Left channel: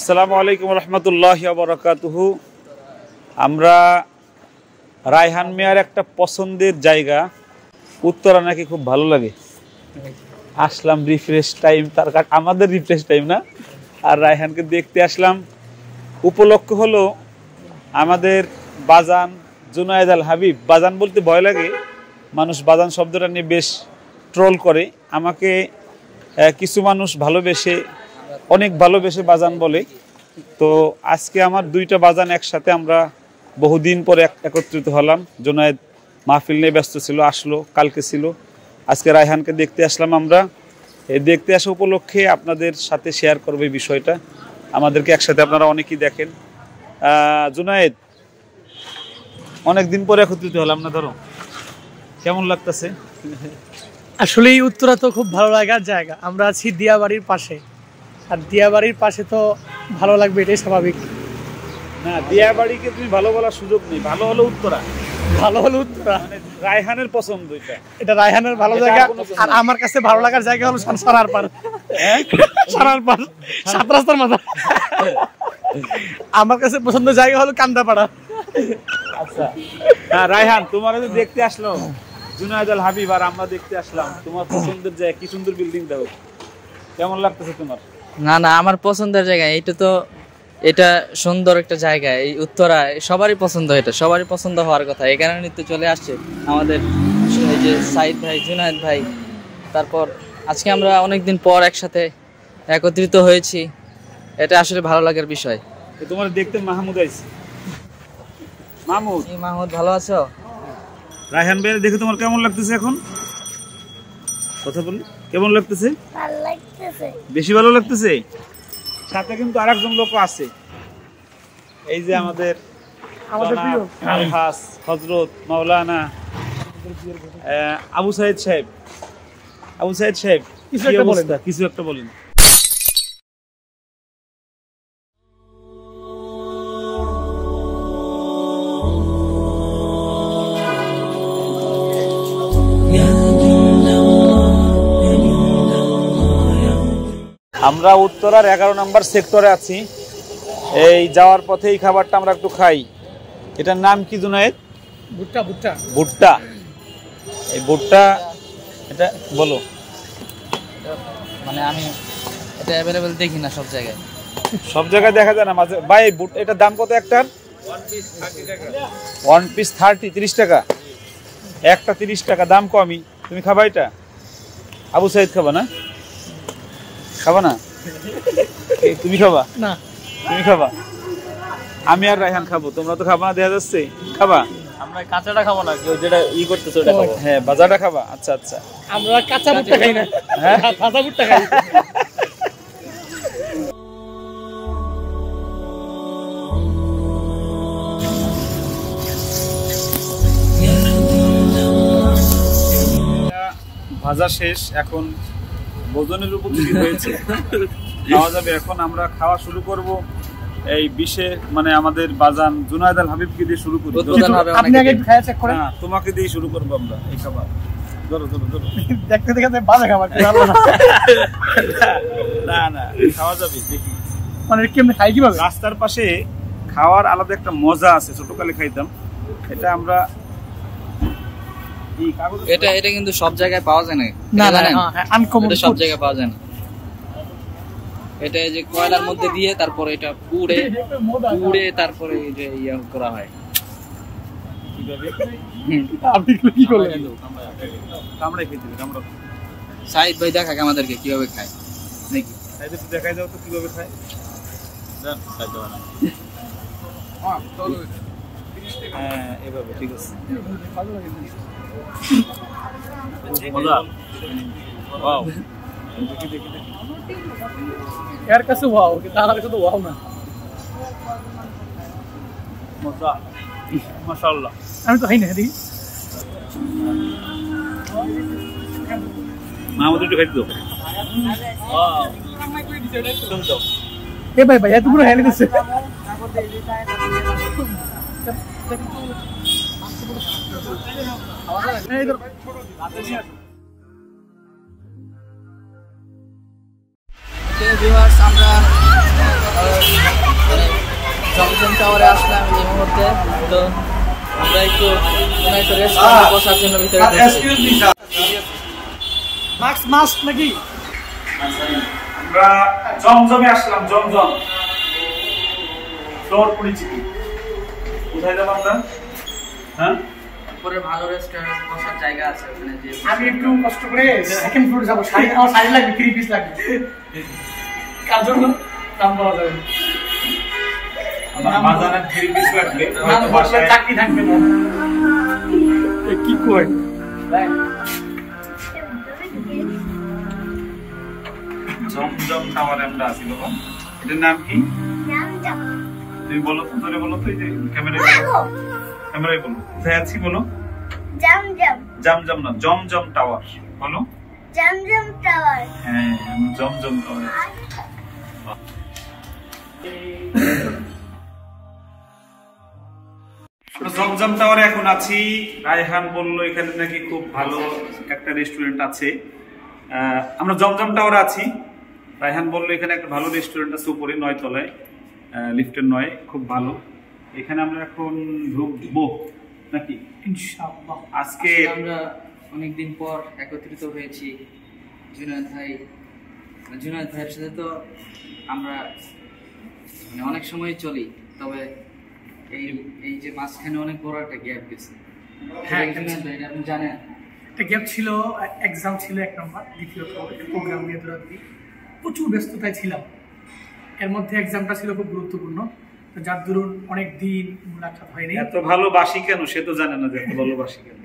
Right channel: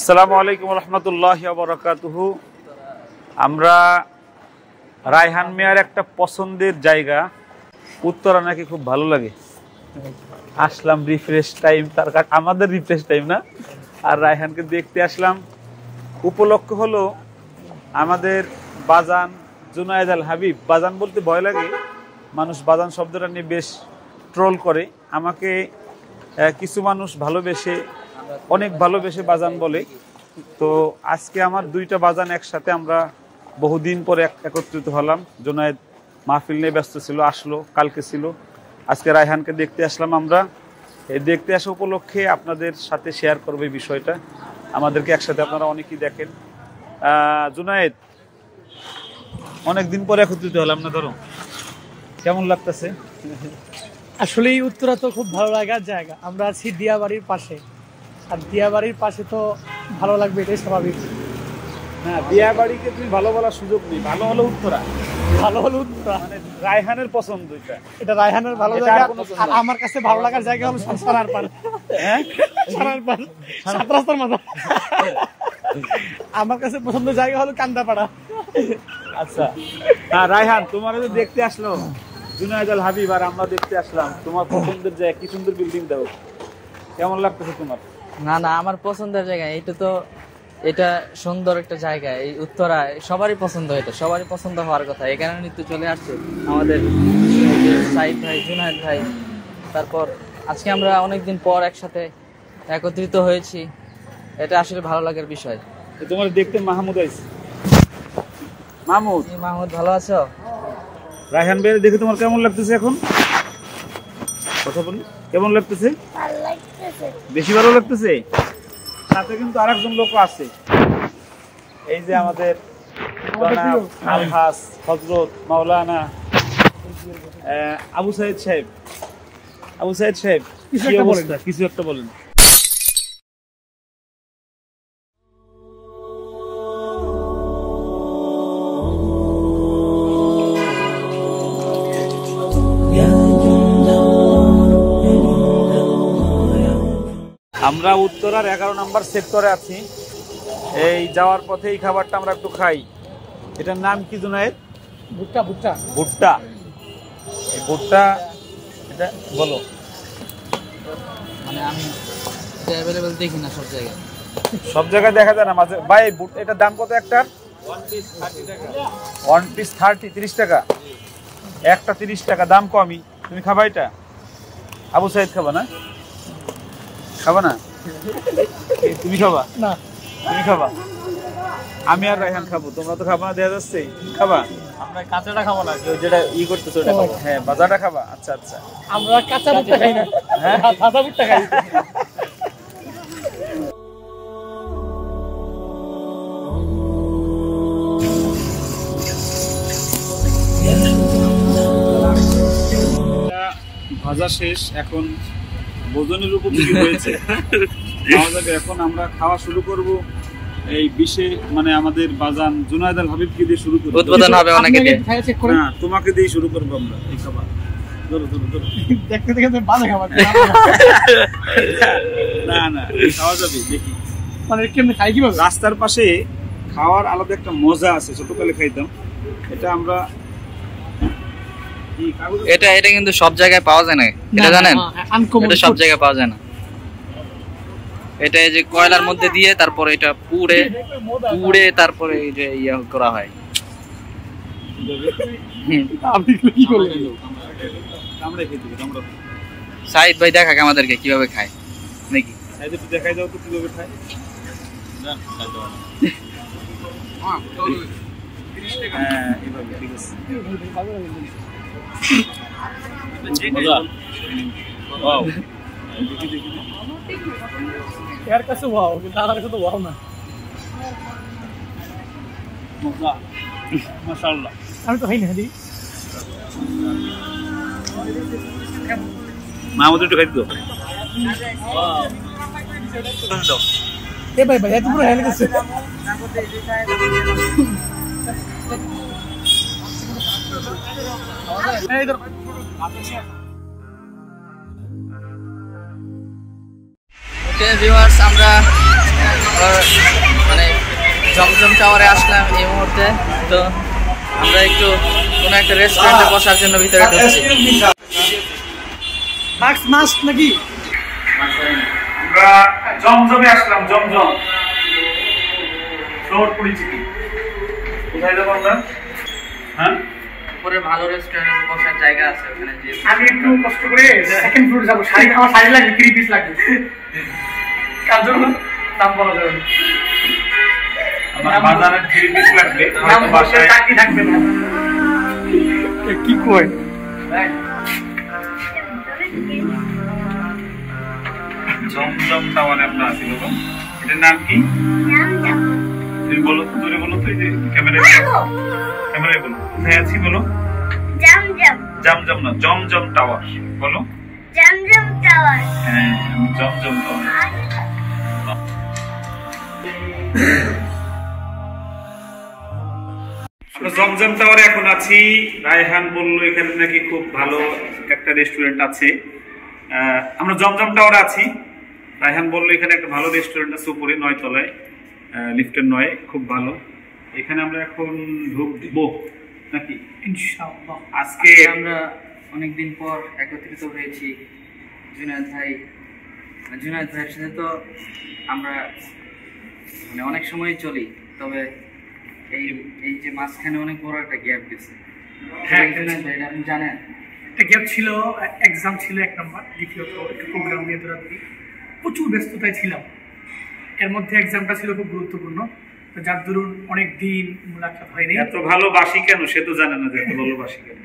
আসসালামু আলাইকুম রহমতুল্লাহি ওয়া বারাকাতুহু। আমরা রায়হান মিয়ার একটা পছন্দের জায়গা উত্তরা নাকি খুব ভালো লাগে, আসলাম রিফ্রেশ টাইম, তার কারণ আমাদের রিফ্রেশ টাইম না, আর রায়হানকে দেখতে আসলাম। উপলক্ষ হলো আমাদের বাজান জুনায়েদ আল হাবিব। বাজান বলতে ভয় লাগে, মানুষ বাজান শব্দটা নিয়ে বেশ ট্রোল করে। আমাকে কিছু মানুষ ভালোবেসে, অনেক ভালোবেসে বাজান বলে। তো আজকে আমার দুইটা বাজান একসাথে, আমরা বহুদিন পরে একত্রিত হলাম। জুনায়েদ মাহফিল নিয়ে ব্যস্ত ছিল, আসলো, কালকে ছিল, আজকে রায়হানকে দেখতে আসলাম। আমরা এই দেখতে আসা উপলক্ষে আপনাদের সাথে শেয়ার করবো এই বিষয়টা। আমাদেরকে একসাথে আপনারা অনেকেই দেখেন। জুনায়েদ, অনেকদিন পরে একত্রিত হলাম না, ধরো কেমন লাগতেছে? আসলে এই উত্তরা তো খুব ভালো লাগার জায়গা। আমরা আছি দিয়াবাড়ির পাশে, আর দিয়াবাড়ির পাশে তো ভালো লাগবে, এটাই স্বাভাবিক। না, দিয়াবাড়িকে তুমি ভালো বলার সুযোগ নেই, ভালো হলো উত্তরা, ভালো হলো উত্তরা। মানে রায়হানের পছন্দ এটা রায়হানের ভালো জায়গা, আর আমার কাছে ভালো লাগার জায়গা হলো সারার পার, সারার পার, সাত রাস্তার মাথা। আমার কাছে পছন্দের জায়গা হলো কান্দাপাড়া। আচ্ছা, হ্যাঁ রায়হান, তোমার দেখতে আসলো জুনায়েদ আল হাবিব, আর আমরা দেখতে আসলাম তোমার পছন্দের জায়গা। কি সুন্দর বিল্ডিং, দেখো কেমন লাগতেছে তোমার? না না, আমার পছন্দের জায়গা এইটা, তো এটা সুন্দর একটা জায়গা। এই উত্তরা সবারই পছন্দ, এটা সবারই পছন্দ হওয়ার কথা। এই কারণে তো চলে আসছে আমাদের এই যে সাইদ ভাই, জুনায়েদ ভাই। তারপর আজকে আমরা অনেকদিন পর একসাথে একত্রিত হয়েছি, এটা আসলে ভালো লাগার বিষয়। তোমার দেখতে মাহমুদ আইছে। মাহমুদ, মাহমুদ ভালো আছো? রায়হান ভাই দেখে তোমার কেমন লাগতেছে এখন? কথা বলি, কেমন লাগতেছে? বেশি ভালো লাগতেছে। সাথে কিন্তু আরেকজন লোক আছে, এই যে আমাদের আলহাস হযরত মাওলানা আবু সাইদ সাহেব। আবু সাইদ সাহেব, কিছু একটা বলেন। আমরা উত্তরার 11 নম্বর সেক্টরে আছি। এই যাওয়ার পথে এই খাবারটা আমরা একটু খাই। এটার নাম কি জুনায়েদ? ভুট্টা। ভুট্টা, ভুট্টা। এই ভুট্টা, এটা বলো। মানে আমি এটা অ্যাভেলেবল দেখি না সব জায়গায়, সব জায়গায় দেখা যায় না মাঝে। ভাই এটার দাম কত একটার? 1 পিস 30 টাকা। একটা 30 টাকা, দাম কমই। তুমি খাবা এটা? আবু সাইদ খাবা না? খাবা না? তুমি খাবা না? তুমি খাবা? আমি আর রায়হান খাবো, তোমরা তো খাবা না দেখা যাচ্ছে। খাবা? আমরা কাঁচাটা খাবো না, যেটা ই করতেছে ওটা খাবো। হ্যাঁ, বাজারটা খাবা। আচ্ছা আচ্ছা, আমরা কাঁচা ভুট্টা খাই না, হ্যাঁ ভাজা ভুট্টা খাই। ভাজা শেষ, এখন ভোজনের উপযোগী হয়েছে, খাওয়া যাবে। এখন আমরা খাওয়া শুরু করব। এই বিশেষ মানে আমাদের বাজান জুনায়েদ আল হাবিবকে দিয়ে শুরু করব। উদ্বোধন হবে অনেকে দিয়ে। হ্যাঁ, তোমাকে দিয়ে শুরু করব আমরা এই খাবার। ধরো ধরো ধরো। দেখতে দেখতে ভাজা খাবার না না, খাওয়া যাবে, দেখি মানে কেমনে খাই, কিভাবে? রাস্তার পাশে খাওয়ার আলাদা একটা মজা আছে, ছোটকালে খাইতাম। এটা আমরা এটা কিন্তু সব জায়গায় পাওয়া যায় না, এটা জানেন? এটা সব জায়গায় পাওয়া যায় না। এটা এই যে কয়লার মধ্যে দিয়ে তারপরে এটা পুড়ে তারপরে এই যে ইয়া করা হয়। আপনি কি করলেন? আমরা খেতে দিই, আমরা। সাইদ ভাই দেখাক আমাদেরকে কিভাবে খায় নাকি? সাইদ একটু দেখাই দাও তো কিভাবে খায়। জান খাইতে পারে না। হ্যাঁ, এভাবে ঠিক আছে। মজা। ওয়াও। এর কাছে ওয়াও, কিন্তু আমার কাছে তো ওয়াও না। মজা, মাশাআল্লাহ। আমি তো খাই না দি। মাহমুদ একটু খাইতে দাও। এ ভাই ভাই, এত পুরো হেলে দিছে। এই ধর। ভিউয়ার্স, আমরা জমজম টাওয়ারে আসলাম এই মুহূর্তে। তো আমরা একটু কোনো একটা রেস্টুরেন্টে বসার জন্য ভিতরে ঢুকছি। মাস্ক নাকি? আমরা জমজমে আসলাম, জমজম ফ্লোর পরিচিতি। কোথায় যাবো আমরা? হ্যাঁ, উপরে ভালো রেস্টুরেন্টে বসার জায়গা আছে ওখানে যে। আমি একটু কষ্ট করে সেকেন্ড ফ্লোরে যাবো, আমার শাড়ি লাগবে 3 পিস লাগবে। কার জন্য নাম বলা যাবে না, আমার বাজারের 3 পিস লাগবে, নাম বাসায় চাকরি থাকবে না। কি কয় জমজম টাওয়ারে আমরা আছি। বাবা, এটার নাম কি? তুমি বলো তো, জোরে বলো তো, এই যে ক্যামেরায় বলো, কোথায় আছি বলো? জমজম। জমজম না, জমজম টাওয়ার বলো। জমজম টাওয়ার। হ্যাঁ, জমজম টাওয়ার। আমরা জমজম টাওয়ারে এখন আছি। রায়হান বললো এখানে নাকি খুব ভালো একটা রেস্টুরেন্ট আছে। আমরা জমজম টাওয়ারে আছি। রায়হান বললো এখানে একটা ভালো রেস্টুরেন্ট আছে উপরে 9 তলায়, লিফটের 9, খুব ভালো। এখানে আমরা এখন ঢুকবো নাকি ইনশাআল্লাহ। আজকে আমরা অনেকদিন পর একত্রিত হয়েছি জুনায়েদ ভাইয়ের সাথে। তো আমরা মানে অনেক সময় চলি, তবে এই যে মাঝখানে অনেক বড় একটা গ্যাপ গেছে। হ্যাঁ, এটা আপনি জানেন। একটা গ্যাপ ছিল, এক্সাম ছিল 1 নম্বর, দ্বিতীয়ত একটু প্রোগ্রাম নিয়ে দৌড়াদৌড়ি, প্রচুর ব্যস্ততায় ছিলাম। এর মধ্যে এক্সামটা ছিল খুব গুরুত্বপূর্ণ, তো যার দরুন অনেক দিন মুলাকাত হয়নি। এত ভালোবাসি কেন সে তো জানে না যে এত ভালোবাসি কেন,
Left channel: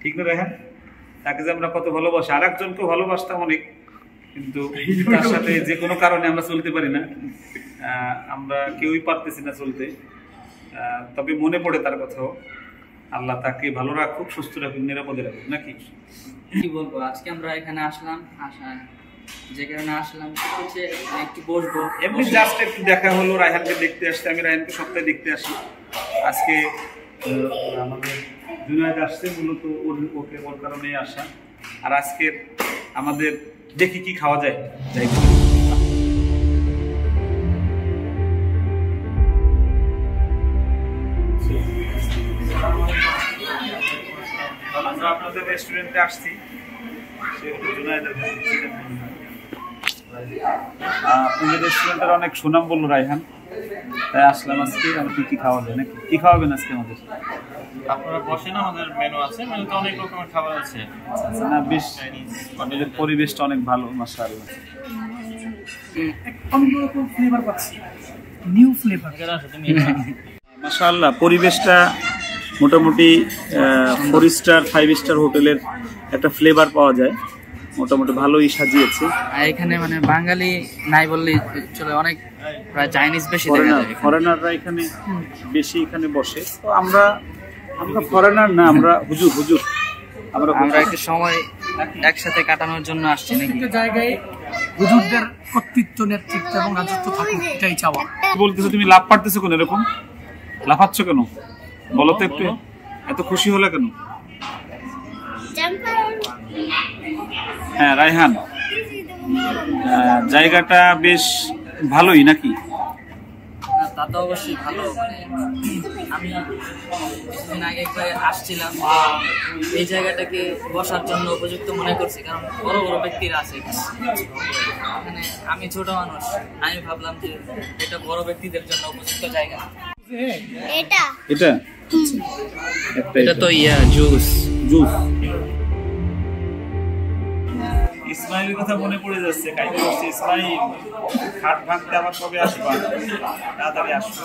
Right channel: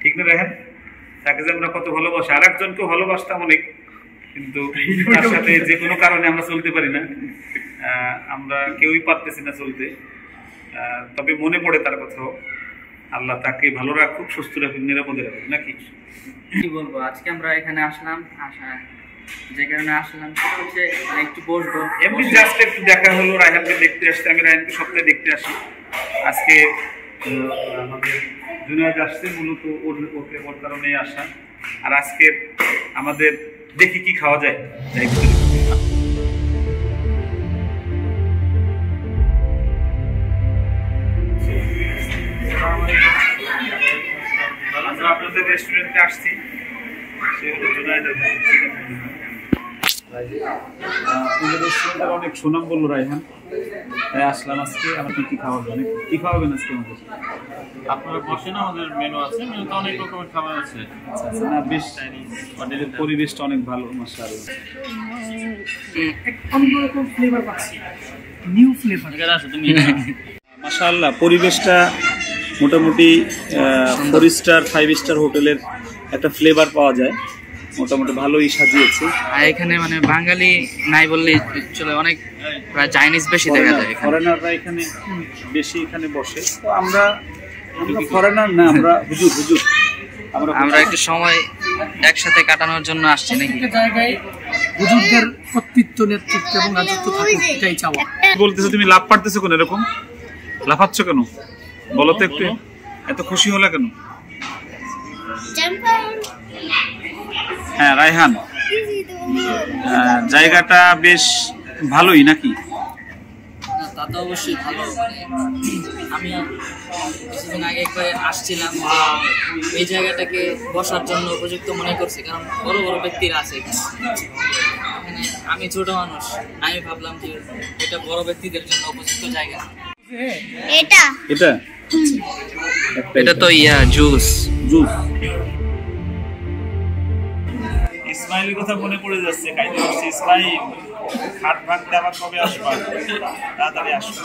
ঠিক না রায়হান? তাকে যে আমরা কত ভালোবাসি, আর একজনকেও ভালোবাসতাম অনেক, কিন্তু তার সাথে যে কোনো কারণে আমরা চলতে পারি না। আমরা কেউই পারতেছি না চলতে। তবে মনে পড়ে তার কথাও। আল্লাহ তাকে ভালো রাখুক, সুস্থ রাখুক, নিরাপদে রাখুক, নাকি? কি বলবো, আজকে আমরা এখানে আসলাম, যে কারণে আসলাম সেটা হচ্ছে একটু বসবো, এমনি জাস্ট একটু দেখা হলো। রায়হানকে দেখতে আসতে, আমি রায়হানকে সপ্তাহে দেখতে আসি। আজকে আমাদের জুনায়েদ আসছে, মূলত ওর কারণেই আসা। আর আজকে আমাদের দেখি কি খাওয়া যায়, যাই করি। আমরা আপনাদের রেস্টুরেন্টে আসছি, সে হলো জুনায়েদের ভাই। আপনাদের রেস্টুরেন্টের অনেক সুনাম বললো রায়হান, তাই আসলাম আজকে। আমাকে কি খাওয়া যায় নাকি? কি খাওয়াবেন আজকে আমাদের? আপনারা বসেন, আমাদের মেনু আছে, মেনুতে অনেক রকমের খাবার আছে। না, বেশ পরিবেশটা অনেক ভালো, মাশাআল্লাহ। অন্যরকম ফ্লেভার পাচ্ছি, নিউ ফ্লেভার। মাশাআল্লাহ, পরিবেশটা মোটামুটি 4 স্টার 5 স্টার হোটেলের একটা ফ্লেভার পাওয়া যায়, মোটামুটি ভালোই সাজিয়েছে। আর এখানে মানে বাঙালি নাই বললেই চলে, অনেক প্রায় চাইনিজ বেশি দেখা যায়। ফরেনাররা এখানে বেশি এখানে বসে। তো আমরা ফরেনার না, আমরা হুজুর আমরা একটু সময় একসাথে কাটানোর জন্য আসছি নাকি। জায়গায় হুজুরদের কর্তৃত্ব, নেতৃত্ব এবং রাজত্ব থাকুক, এটাই চাওয়া। বলতেছো তুমি, লাভ পারতেছো কেন? এরকম লাফাচ্ছ কেন বলো তো একটু? এত খুশি হলে কেন? হ্যাঁ রায়হান, জায়গাটা বেশ ভালোই নাকি? তা তো অবশ্যই ভালো। আমি কিছুদিন আগে একবার আসছিলাম, এই জায়গাটাকে বসার জন্য উপযুক্ত মনে করছি, কারণ বড় বড় ব্যক্তিরা আছে এখানে। আমি ছোট মানুষ, আমি ভাবলাম যে এটা বড় ব্যক্তিদের জন্য উপযুক্ত জায়গা। এটা তো জুস। ইসমাইলের কথা মনে পড়ে যাচ্ছে, কাইতে বলছি ইসমাইল, খাট ভাঙতে আবার কবে আসবা? তাড়াতাড়ি আসবে।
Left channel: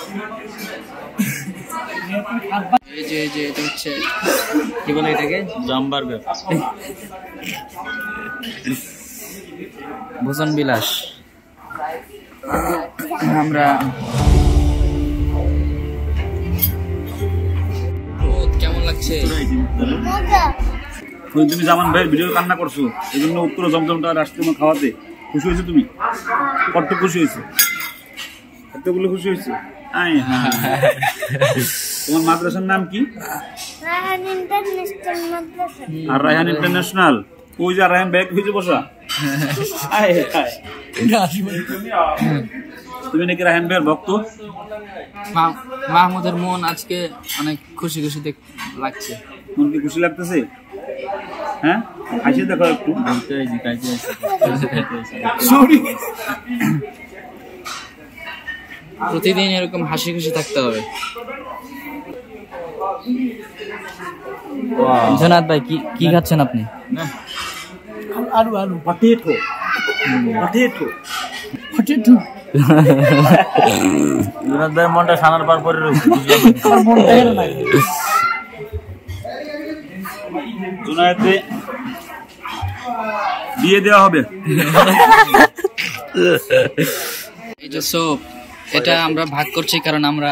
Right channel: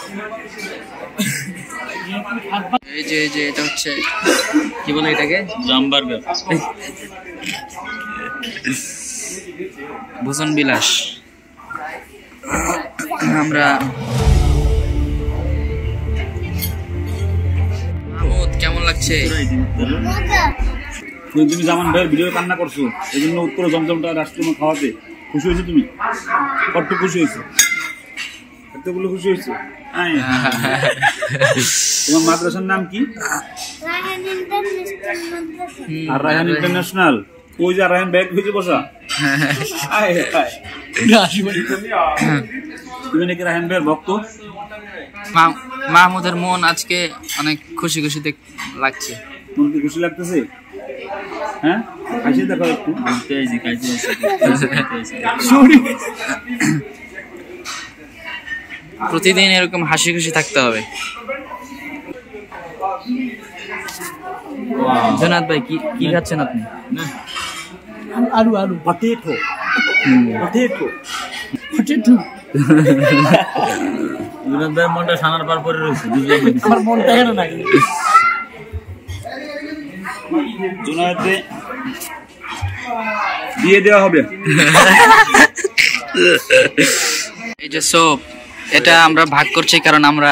এই যে এটা হচ্ছে কি বলে এটাকে, জামবার্গার, ভোজন বিলাস। আমরা কেমন লাগছে? তুমি জামান ভাইয়ের ভিডিও কান্না করছো, এই জন্য উত্তরে জমজমটা আসছে তোমার খাওয়াতে। খুশি হয়েছে তুমি? কত খুশি হয়েছে? কতগুলো খুশি হয়েছে? তোমার মাদ্রাসার নাম কি? আর রায়হান ইন্টারন্যাশনাল। ওই যে রায়হান ব্যাগ হয়েছে বসা। তুমি নাকি রায়হান ভাইয়ের ভক্ত? মাহমুদের মন আজকে অনেক খুশি খুশি লাগছে। মন কি খুশি লাগতেছে? হ্যাঁ, খাইছে দেখো একটু। প্রতিদিন এরকম হাসি খুশি থাকতে হবে। জুনাদ ভাই কি খাচ্ছেন আপনি? আলু আলু পটেটো পটেটো পটেটো। জুনাদ ভাইয়ের মনটা সানার পার পরে রয়েছে, বুঝলাম আমার মনটা কেন নাই? জুনায়েদে দিয়ে দেওয়া হবে। এই যে সোপ, এটা আমরা ভাগ করছি কারণ আমরা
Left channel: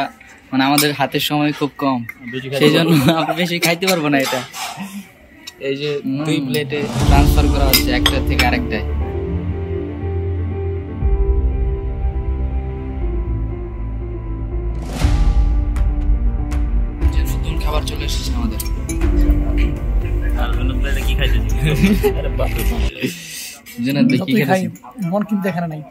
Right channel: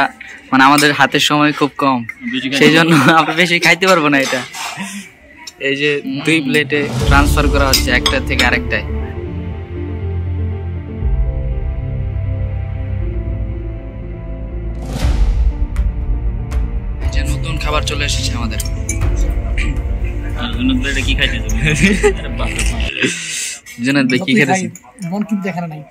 মানে আমাদের হাতের সময় খুব কম, সেই জন্য আমরা বেশি খাইতে পারবো না। এটা এই যে 2 প্লেটে ট্রান্সফার করা হচ্ছে, একটা থেকে আরেকটায়। যে নতুন খাবার চলে এসেছে আমাদের। কি খাইতে জুনাদ ভাই কি খেতেছেন? মন কিন্তু এখানে নাই।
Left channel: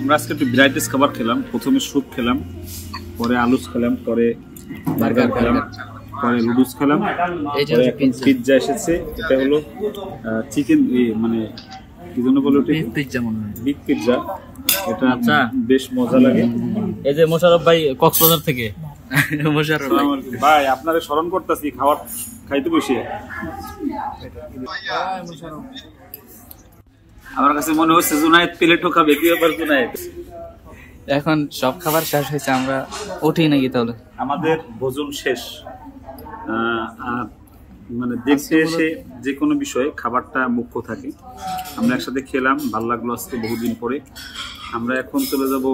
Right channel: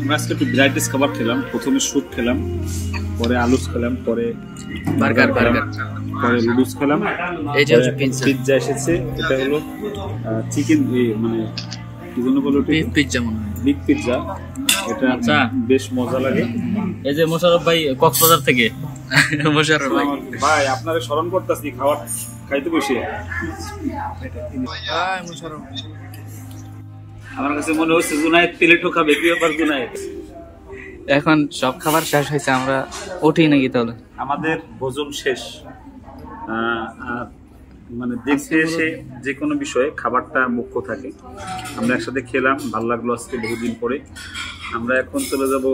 আমরা আজকে একটু ভ্যারাইটিস খাবার খেলাম। প্রথমে স্যুপ খেলাম, পরে আলুস খেলাম, পরে বার্গার পরে লুডুস খেলাম। এই যে পিৎজা এসেছে, এটা হলো চিকেন, মানে কি জন্য বলে ওটা? পিৎজা মনে হয়, বিগ পিৎজা। এটা বেশ মজা লাগে। এই যে মোশাররফ ভাই কক্সবাজার থেকে। মোশাররফ ভাই আপনারে স্মরণ করতেছি খাবার খাইতে বসে। আমার কাছে মনে হচ্ছে জুনায়েদ প্লেটও খাবে। কি ব্যাপার জুনায়েদ? এখন সব খাবার শেষ হয়েছে, আমরা উঠি নাকি তাহলে? আমাদের ভোজন শেষ। আর মানে দেখতে এসে যে কোনো বিষয়ে খাবারটা মুখ্য থাকে। আমরা একসাথে খেলাম, ভালো লাগলো আজকে বহুদিন পরে। আমরা এখন চলে যাব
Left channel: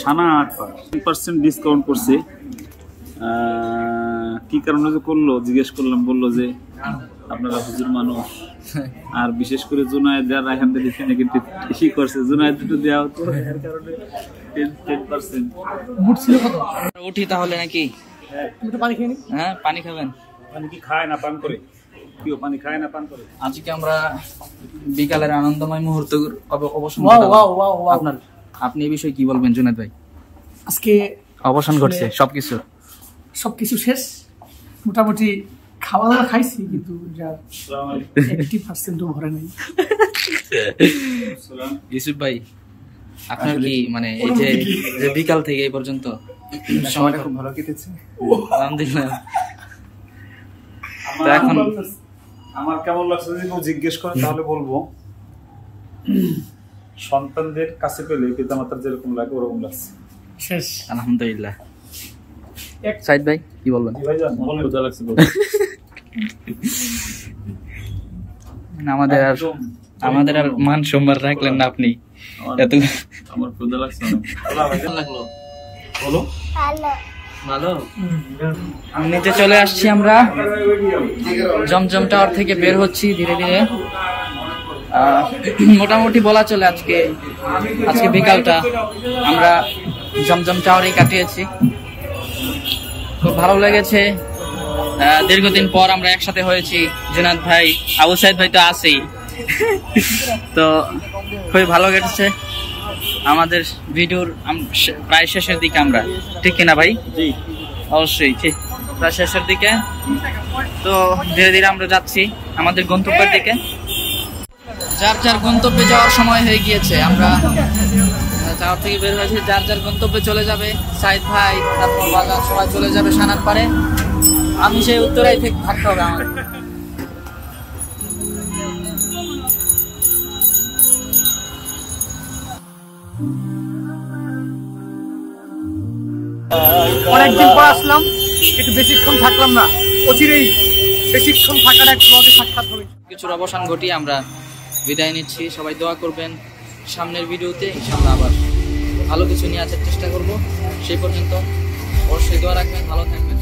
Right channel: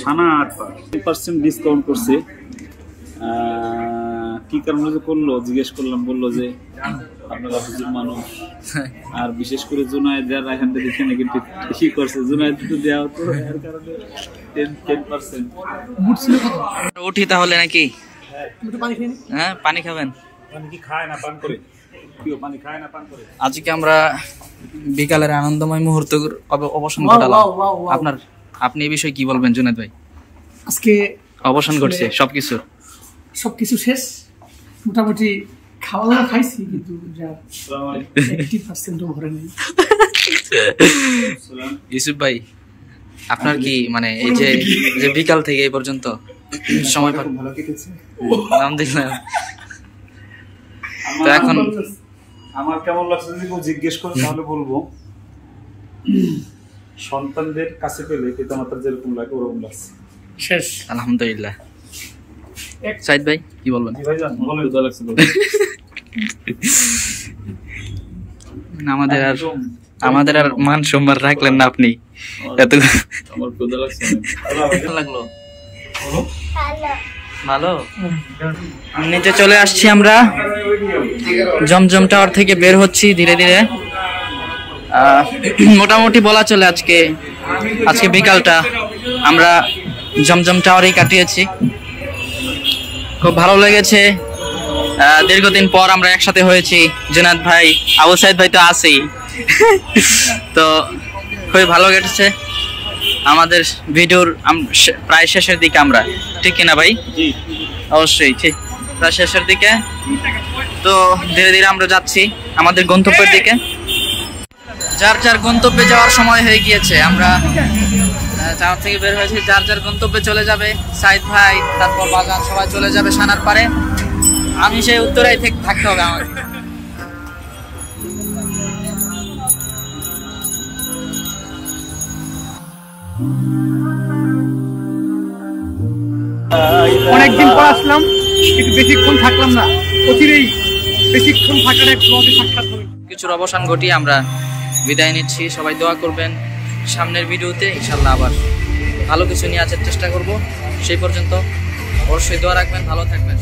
সানার পার। 10% ডিসকাউন্ট করছে। কি কারণে যে করলো জিজ্ঞেস করলাম, বললো যে আপনারা হুজুর মানুষ, আর বিশেষ করে জুনায়েদ আর রায়হান দেখে নাকি কি করছে, জুনায়েদ একটু দেওয়া হতো, এর কারণে 10%। মুড ছিল কত? উঠি তাহলে নাকি? তুমি একটু পানি খেয়ে নি। হ্যাঁ, পানি খাবেন? পানি কি খায় না পান করে? কেউ পানি খায় না পান করে? আজকে আমরা বিকালের আনন্দময় মুহূর্ত অবসান ওয়াও, ঘটালাম। Wow, wow, wow. আপনি এই বিষয়ে কি বলবেন জুনায়েদ ভাই? আজকে অবসান ঘটছে সবকিছু, সবকিছু শেষ। মোটামুটি খাওয়া দাওয়া খাইছি, কিন্তু যা 80% ভরে নেই। ইউসুফ ভাই, আপনার কি মানে এই যে বিকাল থেকে এই পর্যন্ত সময় ভালো কেটেছে আলহামদুলিল্লাহ। তো এখন আমার কেমন লাগছে যদি কেউ জিজ্ঞেস করে তাহলে বলবো সন্তানদের কাছে পেলে পিতামাতার যেরকম লাগে ওরকম লাগছে। শেষ আলহামদুলিল্লাহ। সাইদ ভাই কি বলবেন? আমাদের আর মান সম্মান রাখলেন না আপনি। এত আমার ক্ষুধা লাগছে লাগলো ভালো। নিচে চলে আসছি আমরা, জমজম টাওয়ার থেকে বের হচ্ছি ধীরে ধীরে। মোটামুটি বলা চলে আজকে বিকালটা আমরা জমজম টাওয়ারেই কাটিয়েছি। খুব ভালো লেগেছে। দীর্ঘদিন পর আমরা একসাথে হয়েছি। জুনায়েদ ভাই, আবু সাইদ ভাই তো আছেই। তো খুবই ভালো কেটেছে। আমাদের ভিডিওর প্রায় শেষের দিকে আমরা, ঠিক কিনা ভাই? অবশ্যই ঠিক, প্রায় শেষের দিকে। তো ধীরে ধীরে আমরা যাচ্ছি আমাদের গন্তব্যের দিকে। যার যার গন্তব্যে যাওয়ার সময় হয়ে গিয়েছে। আমরা টাওয়ার থেকে বের হয়েছি, যার যার গন্তব্যে চলে যাবে। সাইদ ভাই, তারপর বাজার, সবাই চলে যাবে সানার পারে। আমি সেই উত্তরায় থেকে থাকতে হবে আমার। অনেকদিন পর আসলাম, একটু বেশিক্ষণ থাকলাম না। অচিরেই বেশিক্ষণ থাকার এক ব্লগে সাক্ষাৎ হবে। কিছুর অবসান ঘটিয়ে আমরা বিদায় নিচ্ছি। সবাই দোয়া করবেন। সামনের ভিডিওতে ইনশাল্লাহ আবার ভালো কিছু নিয়ে আসার চেষ্টা করব। সেই পর্যন্ত অবশ্যই দোয়া রাখবেন, ভালো থাকবেন।